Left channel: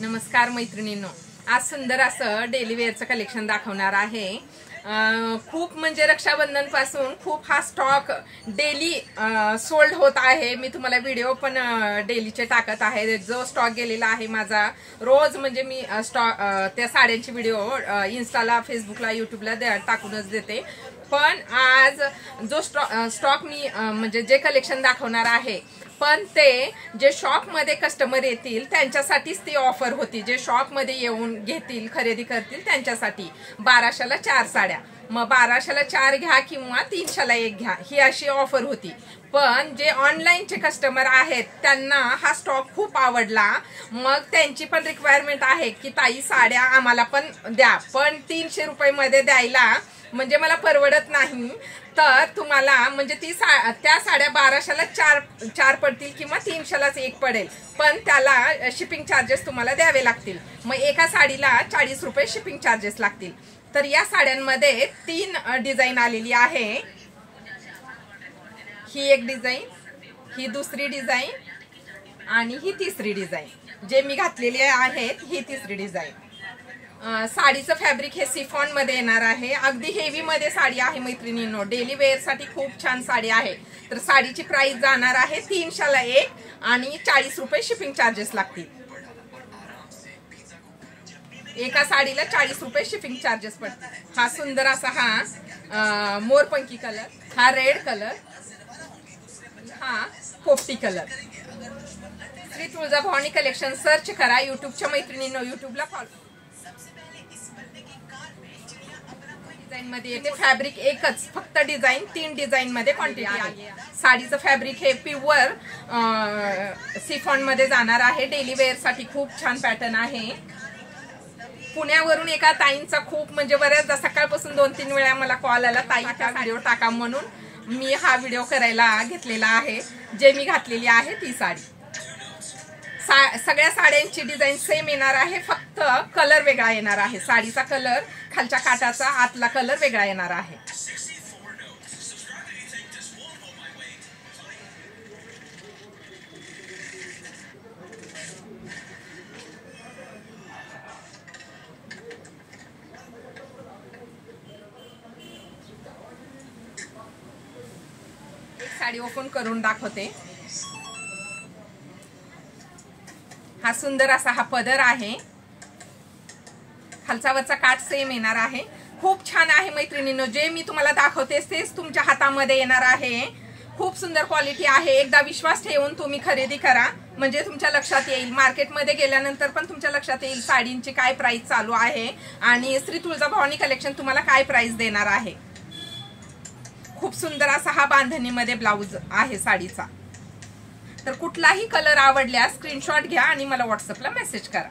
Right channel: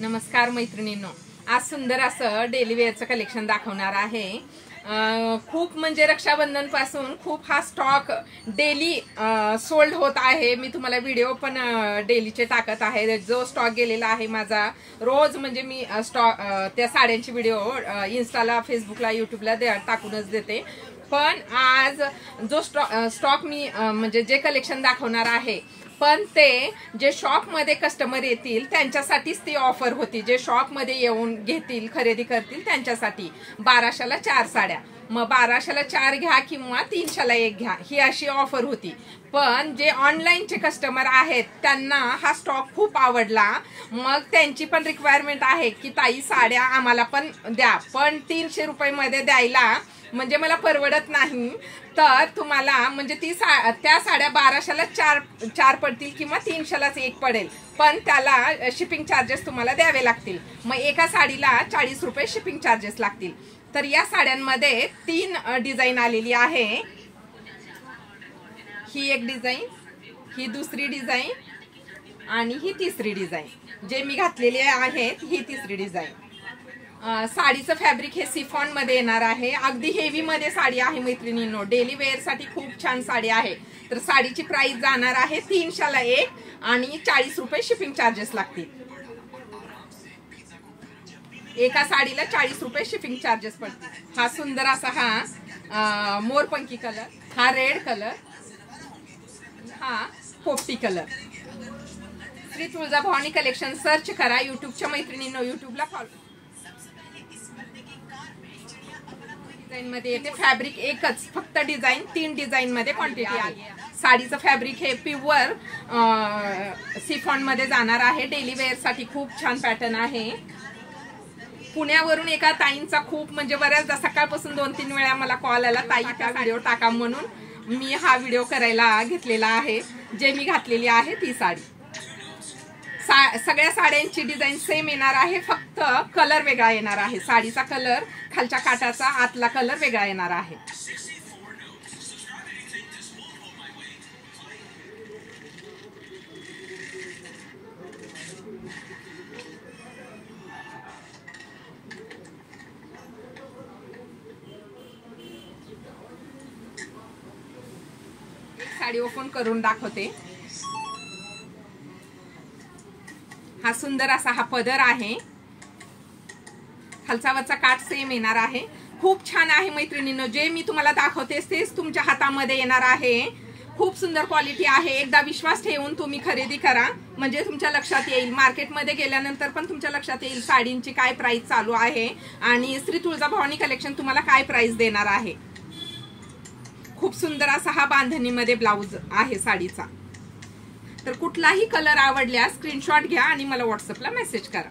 नमस्कार मैत्रिणींनो, आज सुंदर असं डेली वेअरचं कलेक्शन दाखवणार आहे। खूप म्हणजे रक्षाबंधन पासून खूप हा स्टॉक डेली सोल्ड होत आहे। मी तुम्हाला व्हिडिओ पण डेलीचे टाकत आहे। जो स्टॉक गेलेला आहे माझा रोज म्हणजे मी त्या साड्यांची व्हिडिओ इन्स्टाला, फेसबुकला, यूट्यूबला टाकूनच देते। पण आज जो स्टॉक मी म्हणजे जे कलेक्शन दाखवणार आहे, पण ते जे शॉप मध्ये कस्टमर येतील त्यांच्यासाठीच ती ऑफर होती। जे शॉप मध्ये येऊन घेतील, खरेदी करतील त्यांच्यासाठी 1200ला 4 साड्या, मग 1200ला 4 घ्या किंवा 300ला 1 घ्या, ही अशी ऑफर होती। पण जे ऑनलाईनचे कस्टमर आहेत त्यांना हा स्टॉक खूप आवडला। मग त्यांची पण रिक्वायरमेंट आहे की ताई साड्या आम्हाला पण द्या, पण 300 रुपये मध्ये द्यायला म्हणजे मला परवडत नाही। तर तुम्हाला म्हणजे त्या साड्या 1200ला 4 पडतील किंवा 300लाच 1 पडेल, पण त्याला शिपिंग चार्जेस तुम्हाला द्यावे लागतील। मग एका साडीला 40 रुपये शिपिंग चार्जेस लागतील। तर या साड्यांमध्ये 3 डिझाईन आलेली आहे। ही एक डिझाईन, ही दुसरी डिझाईन आणि ही तिसरी डिझाईन। जे मी घातलेली आहेत ही तिसरी डिझाईन। साडीचं फॅब्रिक हे सिफॉन मध्ये येणार आहे। अगदी हेवी मध्ये साडी आहे मैत्रिणींनो, डेली वेअर साठी खूप छान साडी आहे। तर साडीची प्राइस जाणार आहे 300ला 1 आणि 40 रुपये शिपिंग चार्जेस लागतील। एका साडीला 40 रुपये शिपिंग चार्जेस पडतील। हा सुंदर असा हा मोरपंखी कलर, हा रेड कलर, हा पोपटी colour. Shri Tuljabhavani collection search करा यूट्यूबच्या मैत्रिणींनो, यूट्यूबला फॉलो। डिझाईन मध्ये येते फॅब्रिक एकच, फक्त डिझाईन 3 डिझाईन मध्ये क्वांटिटी आहे। साडीचं फॅब्रिक हे प्युअर सिफॉन मध्ये जाणार आहे। डेली वेअर साठी खूप छान पॅटर्न आहे। पुण्यावरून एका ताईंचा खूप म्हणजे बऱ्याचदा सकाळपासून 2-3 वेळा मला कॉल आला, ताई हा व्हिडिओ टाका, म्हणून मी हा व्हिडिओ करायला घेतलेला आहे। जे मी घातलेली आहे ती साडी, सगळ्या साड्यांची डिझाईन सेम येणार आहे, फक्त कलर वेगळा येणार आहे। साडीचा कलर खालच्या काठाचा, आतला कलर वेगळा येणार आहे। साडी ओपन करून दाखवते। हा सुंदर असा हा पदर आहे, खालचा वरचा काठ सेम येणार आहे। खूप छान आहे मैत्रिणींनो, जे मी तुम्हाला दाखवते तेच तुमच्या हातामध्ये येणार आहे। खूप सुंदर क्वालिटी आहे। एकदा विश्वास ठेवून तुम्ही खरेदी करा, म्हणजे तुमच्या लक्षात येईल। मार्केटमध्ये गेल्यानंतर पण तुमच्या लक्षात येईल साडींची काय प्राइस चालू आहे आणि श्री तुळजाभवानी कलेक्शन तुम्हाला काय प्राइस देणार आहे। खूप सुंदर असा हा बांधणीमध्ये ब्लाउज आहे साडीचा। तर कुठलाही कलर आवडल्यास स्क्रीनशॉट घ्या आणि मला व्हॉट्सअपला मेसेज करा।